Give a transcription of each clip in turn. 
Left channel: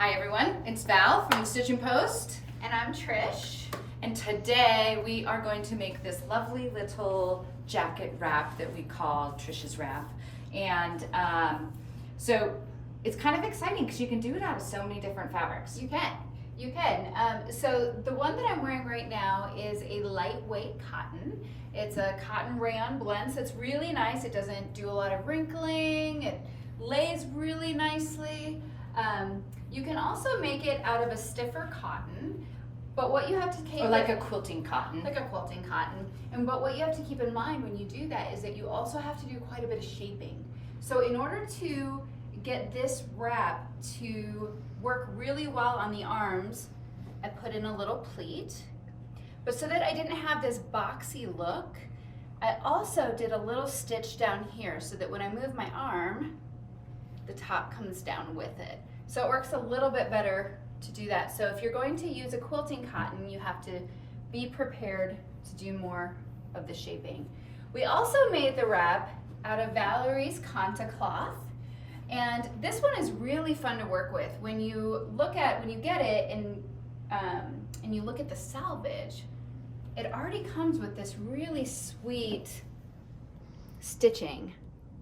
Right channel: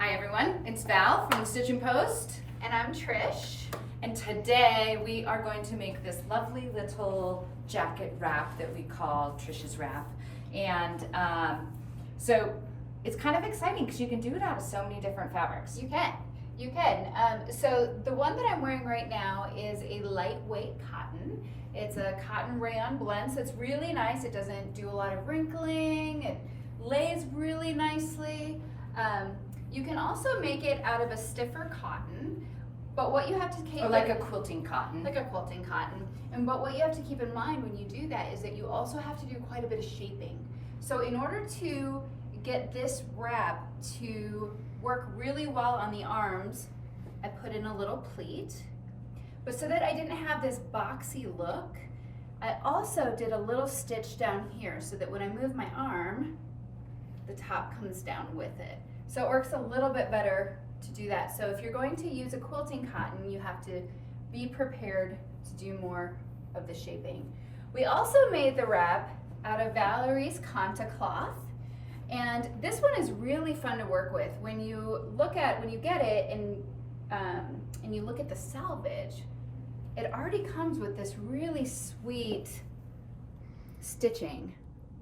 Hi everyone, it's Val from the Stitchin Post. And I'm Trish. And today we are going to make this lovely little jacket wrap that we call Trish's wrap. And so it's kind of exciting because you can do it out of so many different fabrics. You can. So the one that I'm wearing right now is a lightweight cotton. It's a cotton rayon blend, so it's really nice. It doesn't do a lot of wrinkling. It lays really nicely. You can also make it out of a stiffer cotton, but what you have to keep... Or like a quilting cotton. Like a quilting cotton. But what you have to keep in mind when you do that is that you also have to do quite a bit of shaping. So in order to get this wrap to work really well on the arms, I put in a little pleat. But so that I didn't have this boxy look, I also did a little stitch down here so that when I move my arm, the top comes down with it. So it works a little bit better to do that. So if you're going to use a quilting cotton, you have to be prepared to do more of the shaping. We also made the wrap out of Valori's Conta cloth. And this one is really fun to work with. When you get it and you look at the salvage, it already comes with this really sweet stitching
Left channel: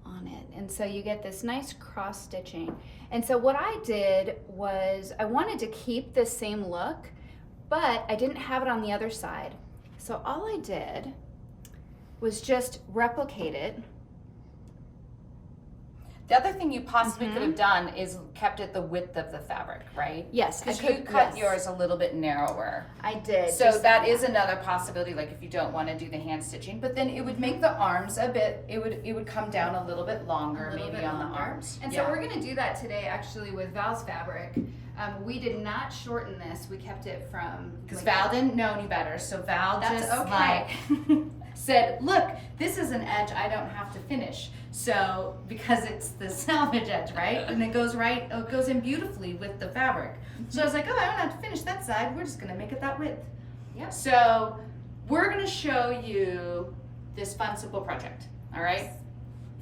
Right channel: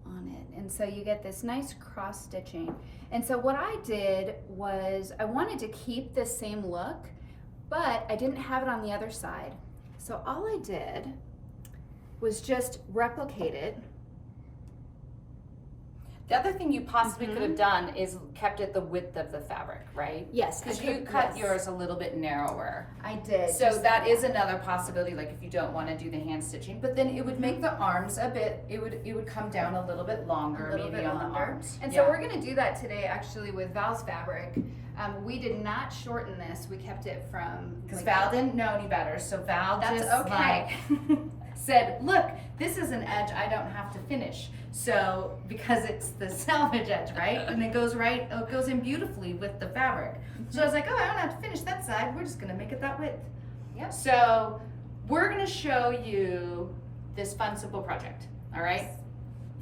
on it. And so you get this nice cross stitching. And so what I did was I wanted to keep this same look, but I didn't have it on the other side. So all I did was just replicate it. The other thing you possibly could have done is kept it the width of the fabric, right? Yes, because you cut yours a little bit narrower. I did. So that is another possibility, like if you don't want to do the hand stitching, but then it would make the arms a bit, it would come down a little bit longer, maybe on the arms. And so we're going to do that today actually with Val's fabric. We did not shorten this. We kept it from... Because Val didn't know any better, so Val said, look, this is an edge I don't have to finish. So, because it's the salvage edge, right? And it goes in beautifully with the fabric. So I was like, oh, I don't have to finish that side. We're just gonna make it that width. Yep. So we're gonna show you this fun, simple project, all right?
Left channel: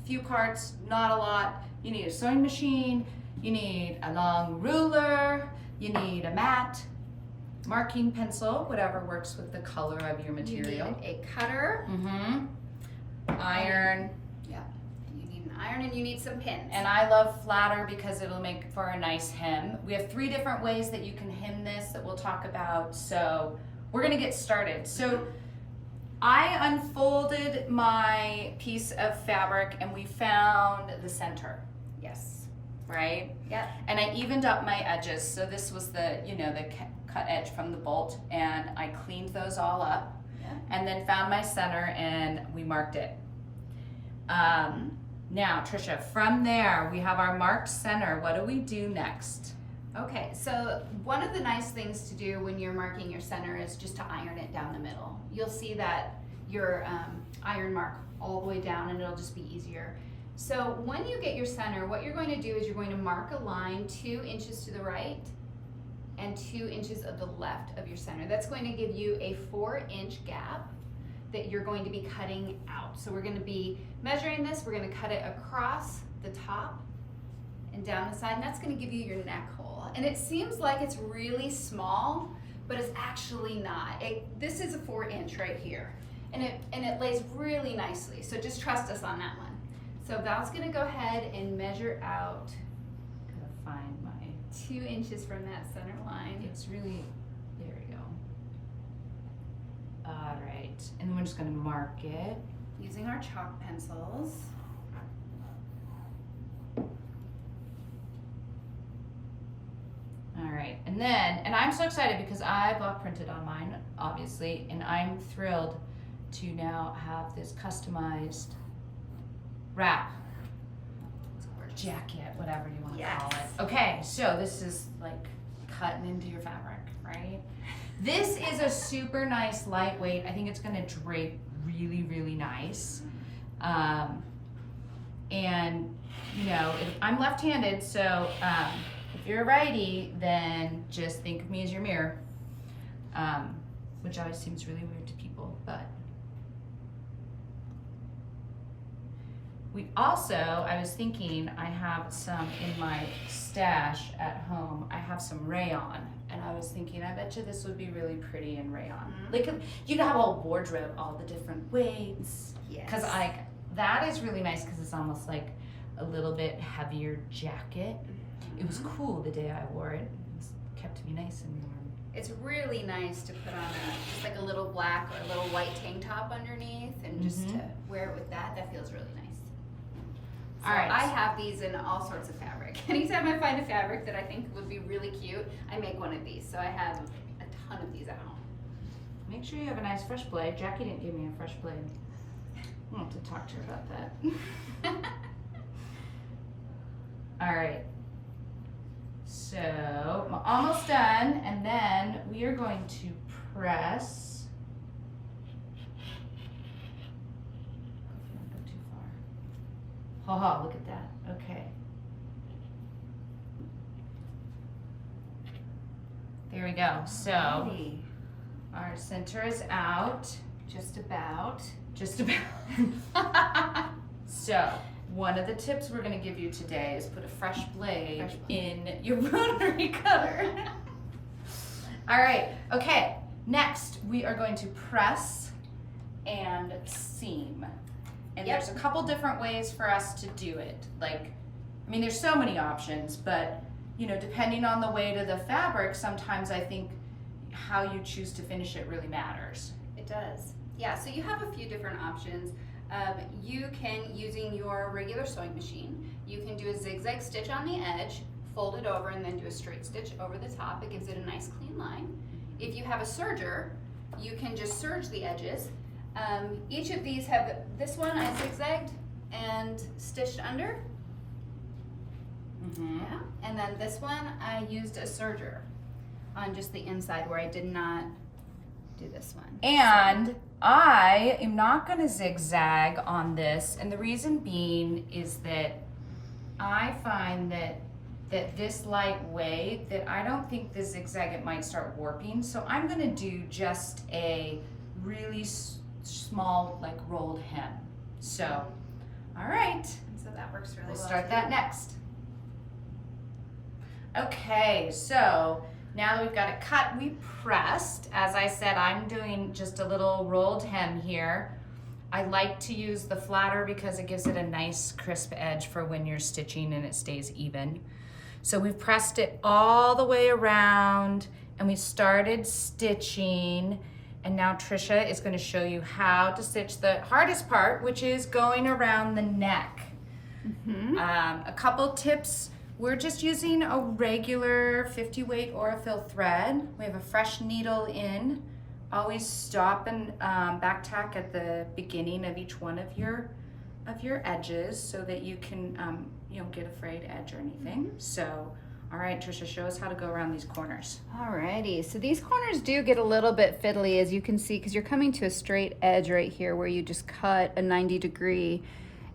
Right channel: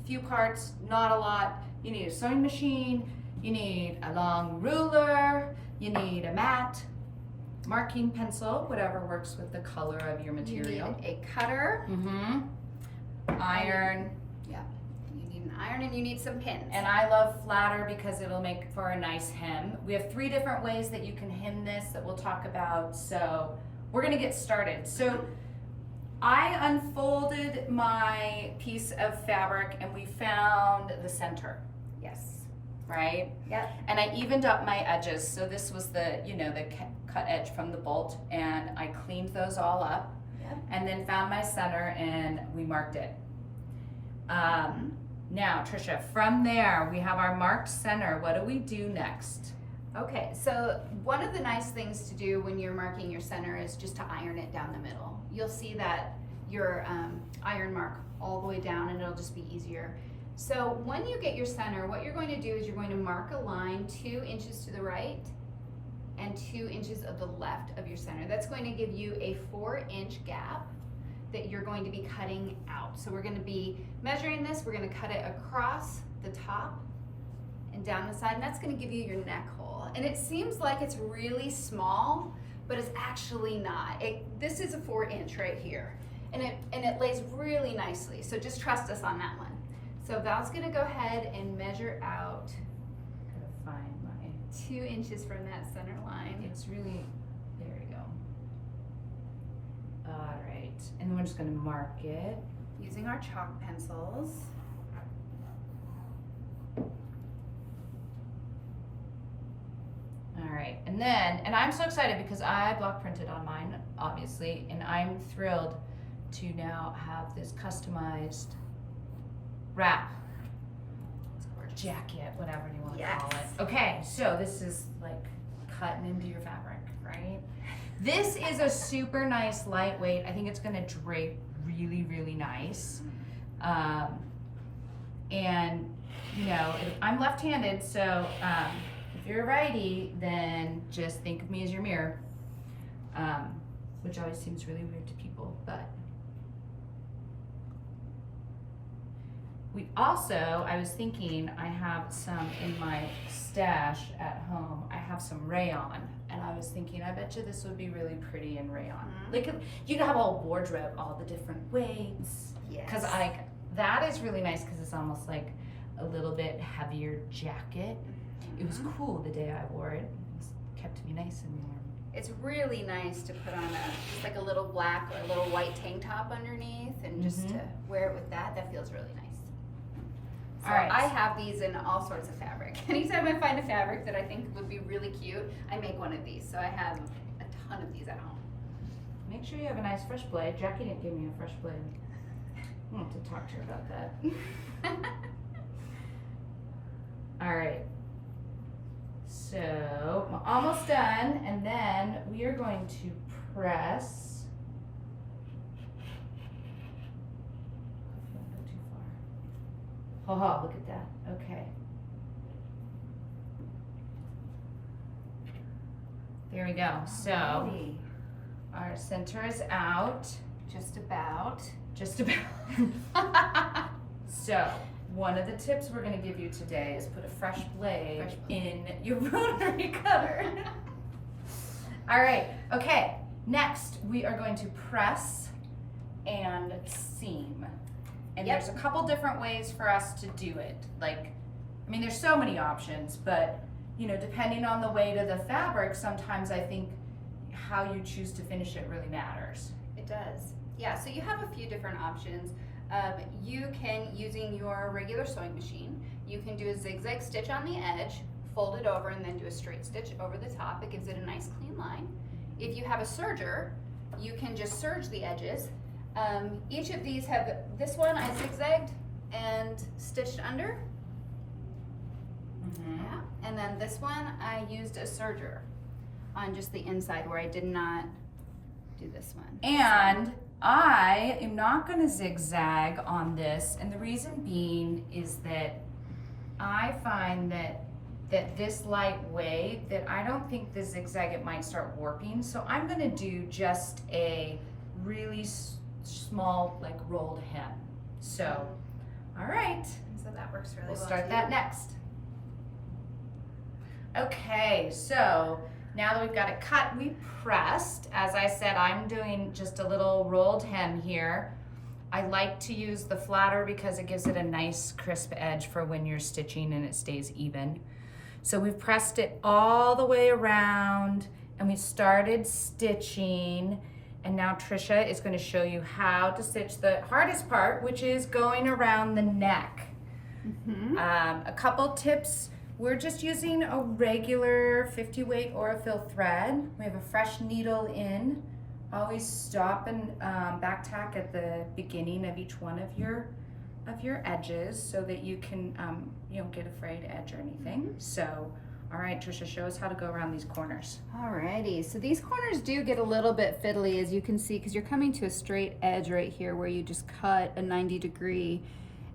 Few carts, not a lot. You need a sewing machine, you need a long ruler, you need a mat, marking pencil, whatever works with the color of your material. You need a cutter. Iron. Yeah. You need an iron and you need some pins. And I love flatter because it'll make for a nice hem. We have 3 different ways that you can hem this that we'll talk about. So we're gonna get started. So I unfolded my piece of fabric and we found the center. Yes. Right? Yep. And I evened up my edges. So this was the, the cut edge from the bolt, and I cleaned those all up. Yep. And then found my center and we marked it. Now, Trisha, from there we have our marked center. What do we do next? Okay, so one of the nice things to do when you're marking your center is just to iron it down the middle. You'll see that your iron mark all the way down and it'll just be easier. So when you get your center, what you're going to do is you're going to mark a line 2 inches to the right and 2 inches of the left of your center. That's going to give you a 4-inch gap that you're going to be cutting out. So we're going to be measuring this, we're going to cut it across the top and down the side, and that's going to give you your neck hole. And it seems like it's really small, but it's actually not. This is a 4-inch right here, and it lays really nicely. So just trust us on that one. So Val's going to go ahead and measure out. Gotta find my 2 inches from that center line. It's really, there we go. All right, and then we're just gonna mark it. Using our chalk pencils. All right, and I'm so excited because I block printed on mine, obviously, and I'm thrilled to now have this customized wrap, jacket, whatever you want to call it. Okay, so this is like cutting into your fabric, right? This is a super nice lightweight. I think it's gonna drape really, really nice. And I'm left-handed, so if you're a righty, then just think of me as your mirror, which always seems really weird to people, but We also, I was thinking, I have some in my stash at home. I have some rayon, and I was thinking, I bet you this would be really pretty in rayon. Like you could have a whole wardrobe, all the different weights. Yes. Because that is really nice because it's almost like a little bit heavier jacket. It was cool the day I wore it. It kept me nice and warm. It's really nice to put on just like a little black or a little white tank top underneath, and just to wear it with that. That feels really nice. So All right. I have these in all sorts of fabric. Anytime I find a fabric that I think would be really cute, I make one of these. So I have a ton of these at home. Make sure you have a nice fresh blade. Jackie didn't give me a fresh blade. I'll have to talk to her about that. All right. So I'm almost done, and then we are going to press. Don't go too far. Ha ha! Look at that. Okay. There we go. So Alrighty. our center is out. Just about. Just about. So, one of the tips we're going to give you today is put a fresh blade in your rotary cutter. All right, okay. Next, we are going to press and seam. And there's a couple different ways for us to do it. Like, I mean, there's so many options, but, you know, depending on the weight of the fabric, sometimes I think how you choose to finish it really matters. It does. Yeah, so you have a few different options. You can, using your regular sewing machine, you can do a zigzag stitch on the edge, fold it over, and then do a straight stitch over the top. It gives it a nice clean line. If you have a serger, you can just serge the edges. Each of these have, this one I zigzagged and stitched under. Yeah, and then this one I used a serger on just the inside where I did not do this one. And I am not going to zigzag on this, and the reason being is that I find that this lightweight, that I don't think the zigzag, it might start warping, so I'm going to do just a really small, like, rolled hem. So, all right. So that works really well. We'll start that next. Okay, so now that we've got it cut, we pressed. As I said, I'm doing just a little rolled hem here. I like to use the flatter because it gives it a nice crisp edge for when you're stitching and it stays even. So we've pressed it all the way around and we started stitching, and now Trisha is going to show you how to stitch the hardest part, which is going around the neck. A couple tips. We're just using a regular 50 weight Aurifil thread. We have a fresh needle in. Always stop and back tack at the beginning of each one of your edges so that you can you don't get a frayed edge or anything. So, all right, Trisha, show us how to go around these corners. Alrighty, so these corners do get a little bit fiddly, as you can see, because you're coming to a straight edge right here where you just cut a 90-degree.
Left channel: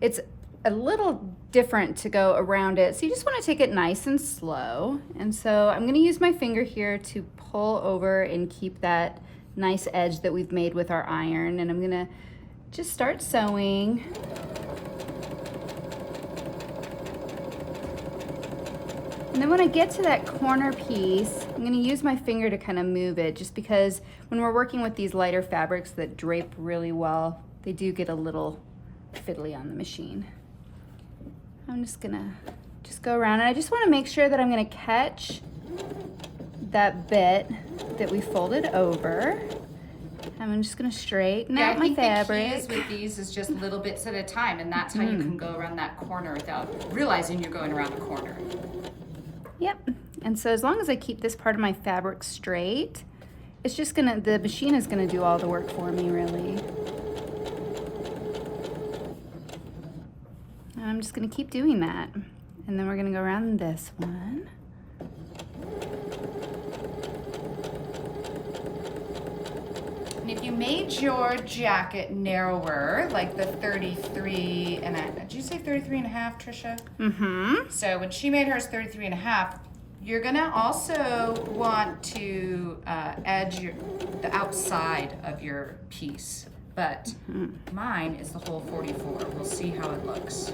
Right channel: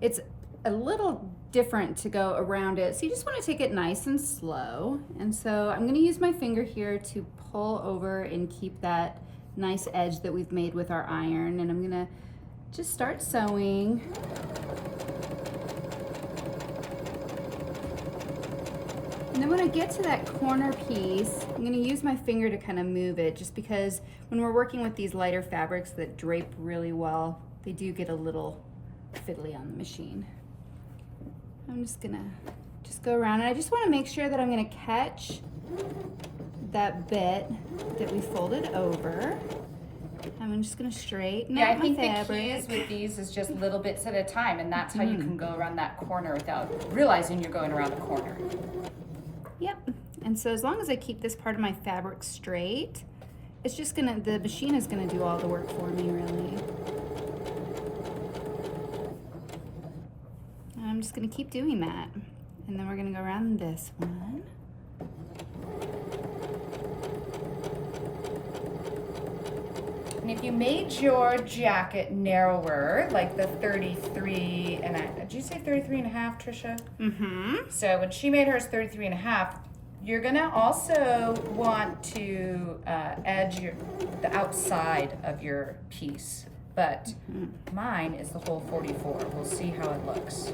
It's a little different to go around it, so you just want to take it nice and slow. And so I'm going to use my finger here to pull over and keep that nice edge that we've made with our iron, and I'm going to just start sewing. And then when I get to that corner piece, I'm going to use my finger to kind of move it, just because when we're working with these lighter fabrics that drape really well, they do get a little fiddly on the machine. I'm just gonna go around, and I just want to make sure that I'm gonna catch that bit that we folded over. I'm just gonna straighten out my fabric. I think the key is with these is just little bits at a time, and that's how you can go around that corner without realizing you're going around the corner. Yep, and so as long as I keep this part of my fabric straight, it's just gonna, the machine is gonna do all the work for me, really. I'm just going to keep doing that, and then we're going to go around this one. And if you made your jacket narrower, like the 33 and a, did you say 33 and a half, Trisha? So when she made hers 33 and a half, you're going to also want to edge the outside of your piece but mine is the whole 44. We'll see how it looks.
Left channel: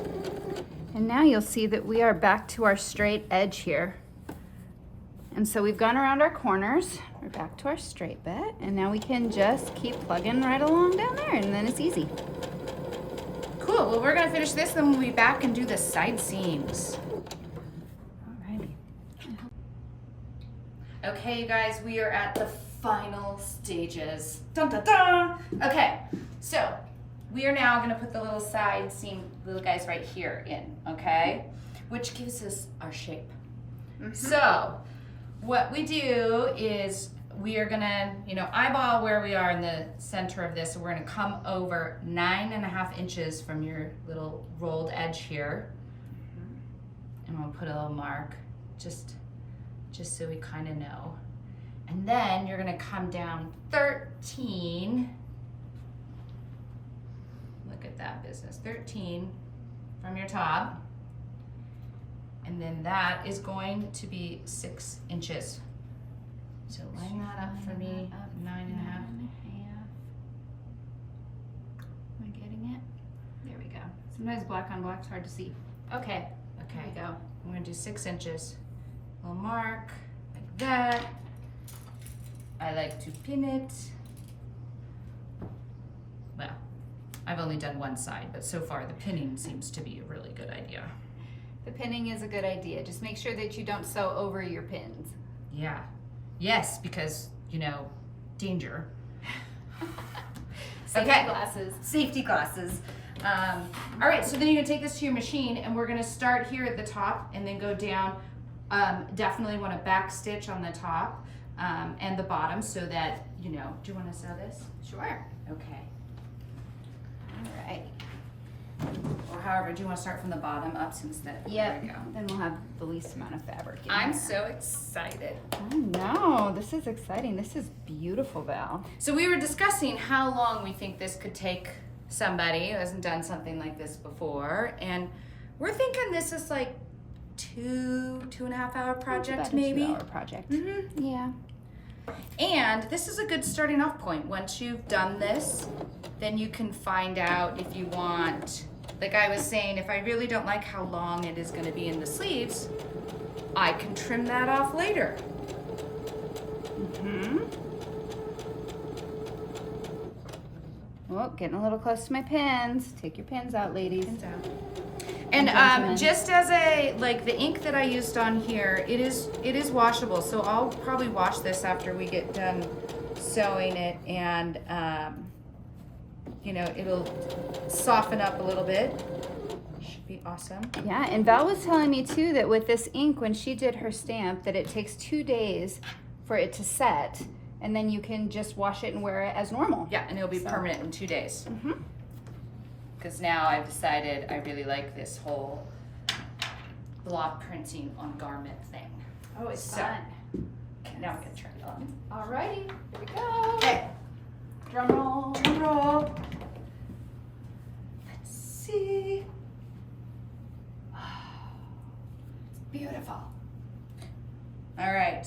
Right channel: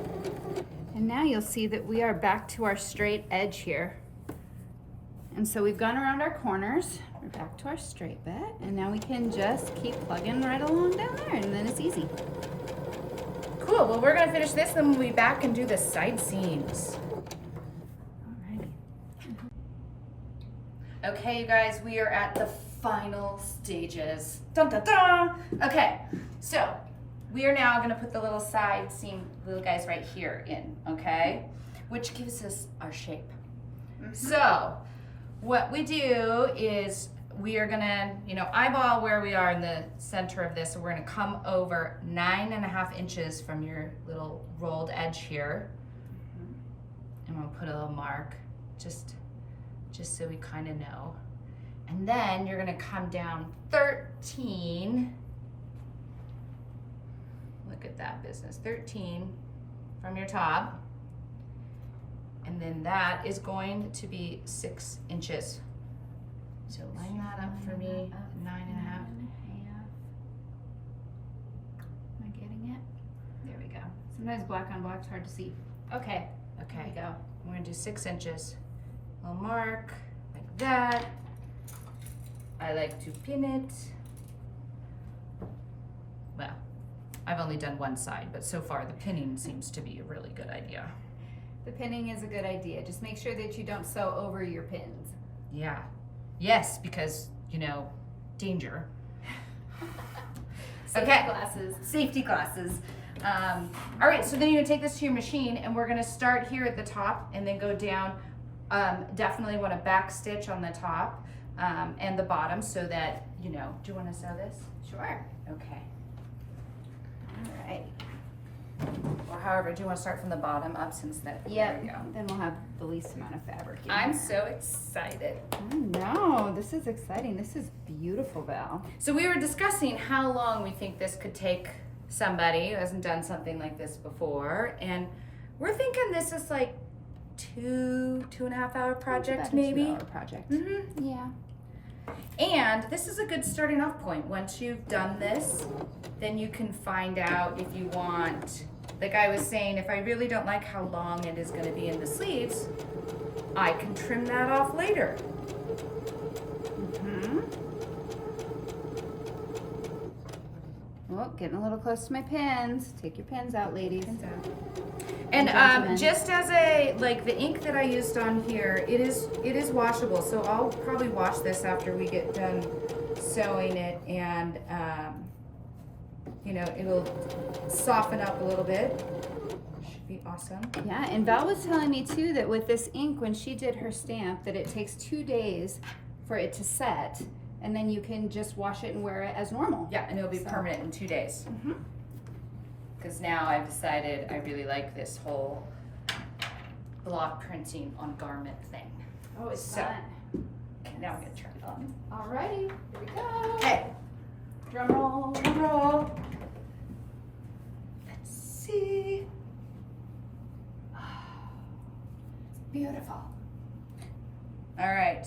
And now you'll see that we are back to our straight edge here. And so we've gone around our corners, we're back to our straight bit, and now we can just keep plugging right along down there, and then it's easy. Cool, well we're gonna finish this, then we'll be back and do the side seams. Alrighty. Okay, you guys, we are at the final stages. Dun, dun, dun. Okay, so we are now gonna put the little side seam, little guys right here in, okay? Which gives us our shape. So, what we do is we are gonna, eyeball where we are in the center of this. So we're gonna come over 9.5 inches from your little rolled edge here. And we'll put a little mark, just so we kind of know. And then you're gonna come down 13. Look at that business, 13 from your top. And then that is going to be 6 inches. So line that up for me, 9.5. Am I getting it? There we go. Sometimes black on black's hard to see. Okay, there Okay, we go. I'm gonna do 6 inches. Little mark, like that. I like to pin it. Well, I've only done one side, but so far the pinning seems to be a really good idea. The pinning is a good idea. Just make sure that you don't sew over your pins. Yeah. Yes, because, danger. Safety Okay. glasses. Safety glasses. All right, so then you're gonna take this to your machine and we're gonna start here at the top and then go down. Definitely want to back stitch on the top and the bottom so that, do you want to sew this? Sure. Okay. All right. Or however, do you want to start from the bottom up since that? Yep. There we go. Then we'll have the least amount of fabric in I'm here. so excited. I know. This is exciting. This is beautiful, Val. So we were discussing how long we think this could take somebody who hasn't done something like this before, and we're thinking this is like 2.5 hour project, About a maybe. 2 hour project. Mm-hmm. Yeah. And this is a good starting off point. Once you've done this, then you can find out if you want, like I was saying, if I really don't like how long it is going to be in the sleeves, I can trim that off later. Mm-hmm. Oh, getting a little close to my pins. Take your pins out, ladies. And gentlemen. just as the ink that I used on here, it is washable. So I'll probably wash this after we get done sewing it, and it'll soften up a little bit. Should be awesome. Yeah, and Val was telling me too that with this ink, when she did her stamp, that it takes 2 days for it to set, and then you can just wash it and wear it as normal. Yeah, and it'll be So- permanent in 2 days. Mm-hmm. Because now I've decided I really like this whole block printing on garment thing. Oh, it's So- fun. Okay, now I'm gonna turn it on. Alrighty, here we go. Okay, Drum roll. drum roll. Let's see. Beautiful. All right.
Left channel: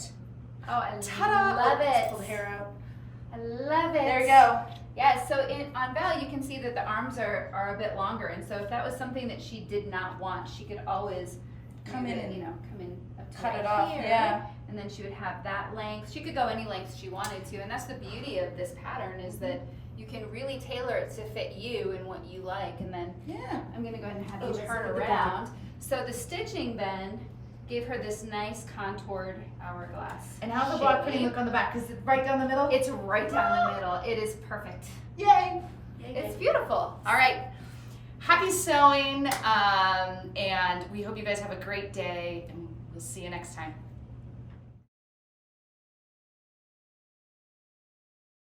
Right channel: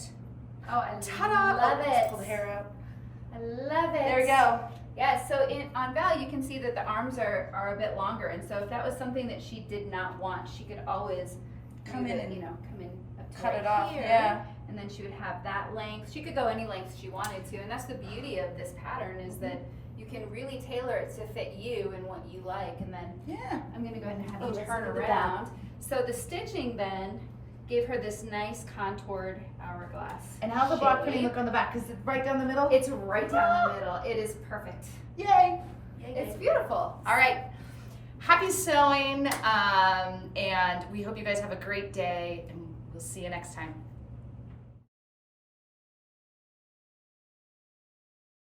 Oh, I Ta-da! love Oh, let's it. pull the hair out. I love it. There we go. Yeah, so on Val, you can see that the arms are a bit longer, and so if that was something that she did not want, she could always Come do in the- and come in up to cut right it off, here, yeah. and then she would have that length. She could go any length she wanted to, and that's the beauty of this pattern is that you can really tailor it to fit you and what you like. And then Yeah. I'm gonna go ahead and have Oh, you let's turn look at the around. So the stitching then gave her this nice contoured hourglass. And how's the block printing shape. look on the back? Is it right down the middle? It's right down the middle. It is perfect. Yay. It's beautiful. All right. Happy sewing, and we hope you guys have a great day, and we'll see you next time.